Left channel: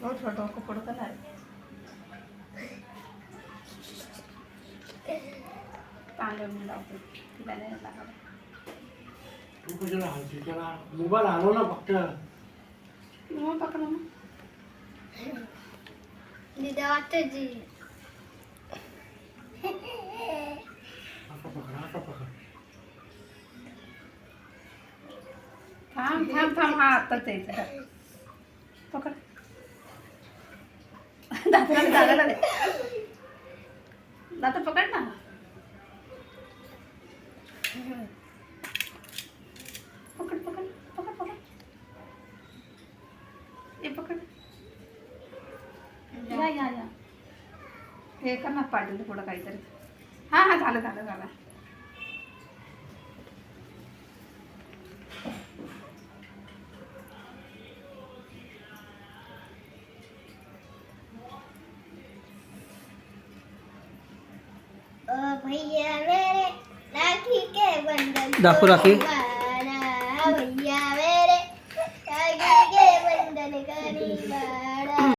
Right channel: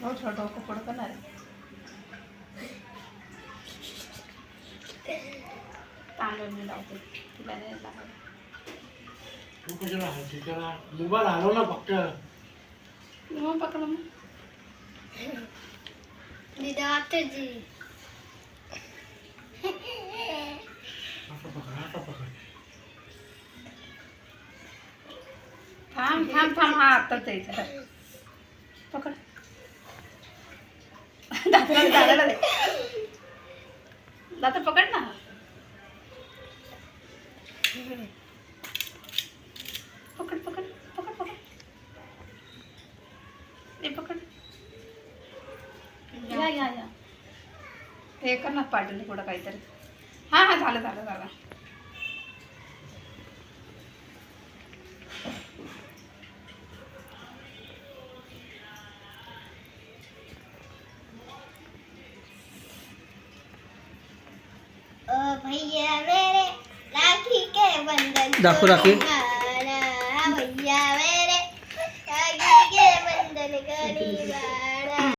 डोकं पुढं करणार तांदूळ मी लावते तिला नाही लागत तू कशाला हलती त्याला मोबाईल हलव ना फक्त मग पकड मग दीदी आता जी आता पकड थांब थांब थांब हा आत्ताच यायचं पकड दादा दादा पकड ना पकड पकड पकड पकड हे पकड या या या हे कर ना पाटील पुढं काहीतरी हां हां झालं झालं झालं ओ भैया मेरे राखी के बंधन दाखव राखी भैया मेरे राखी के बंधन करी